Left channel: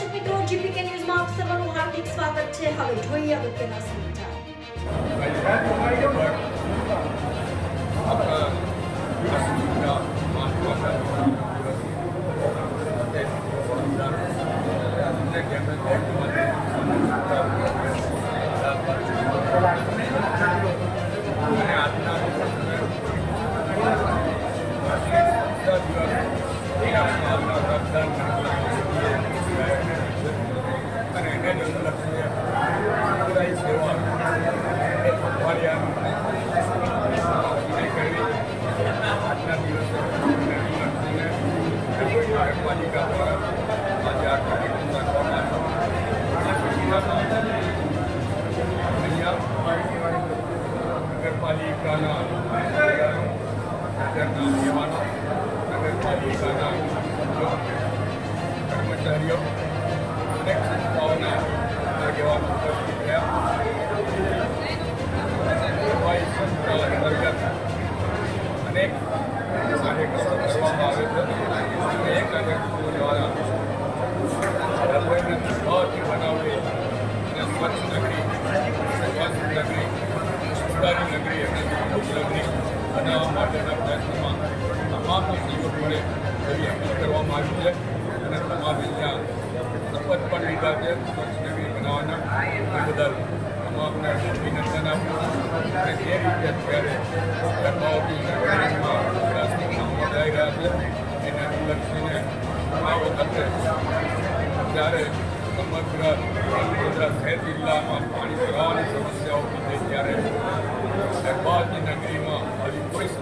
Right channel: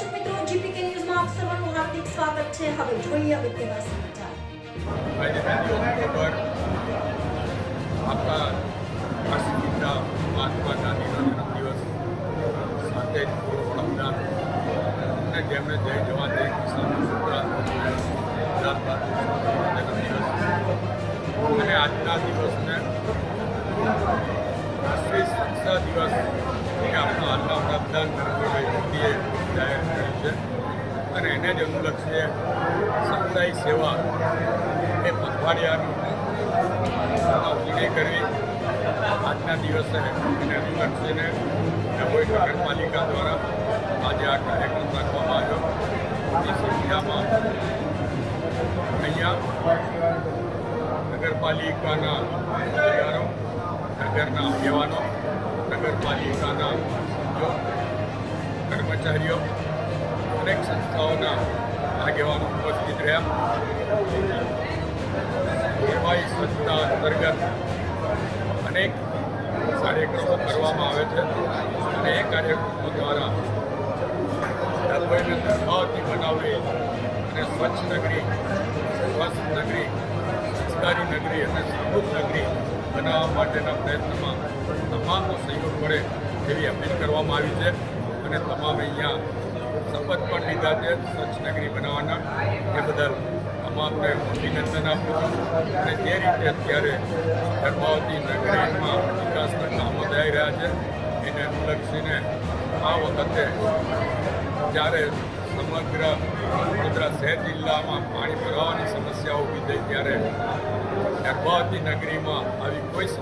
દર્શક મિત્રો, જીપીકે ન્યૂઝમાં આપ સર્વનું હાર્દિક સ્વાગત છે. હવે જોઈએ અગત્યના સમાચાર. આજે ઓક્ટોબર આપણા રાષ્ટ્રપિતા મહાત્મા ગાંધીના જન્મદિવસ સાથે વડાપ્રધાન અને જેમણે જય જવાન જય કિસાન બહાદુર જન્મદિવસ અને આજના દિવસને રાષ્ટ્રીય સંસ્થા દિવસ, એ આપણા હાલના વડાપ્રધાન નરેન્દ્રભાઈ મોદીએ જાહેર છે અને એને જ અનુલક્ષીએ સમુદાય સેવા એ પખવાડિયાનું ઉજવણી કરવી આજના દિવસે એને અનુલક્ષીને ડભોઈ નગરપાલિકા દ્વારા આજે આ કાર્યક્રમ રાખવામાં આવ્યો મોટી સંખ્યામાં અહીંયા નગરપાલિકાના અધિકારો નગરના આગેવાનો નગરપાલિકાના સભ્યો કર્મચારીઓ અનેક સંસ્થાઓના આગેવાનો ઉપસ્થિત રહ્યા. સેવાઈ સંસ્થા અંતર્ગત અનેક કાર્યક્રમો કરવામાં આવે છે અને એ કાર્યક્રમો દ્વારા ડભોઈને પ્રભાવતી બનાવવી અને સ્વચ્છ નગરી, સ્વસ્થ નગરી સંસ્કારી નગરી અને સમૃદ્ધ નગરી બનાવવા માટેના પ્રયત્નમાં તમામનો સહયોગ મળે એવી અપીલ કરવામાં આવી છે. અને તમામ અહીંયા શપથ પણ લીધા છે સ્વચ્છ નગરી બનાવવાના. એ બદલ તમામને અભિનંદન આપું છું. અને જે રીતે અત્યારે ધર્માવતી નગરીમાં વિકાસના કામો થઈ રહ્યા છે, એને અનુલક્ષીને આ વખતે જ્યારે સમગ્ર વડોદરા શહેર જિલ્લામાં પાણી ભરાવાની સમસ્યા ઊભી થઈ, ત્યારે ધર્માવતી નગરીમાં આવી કોઈ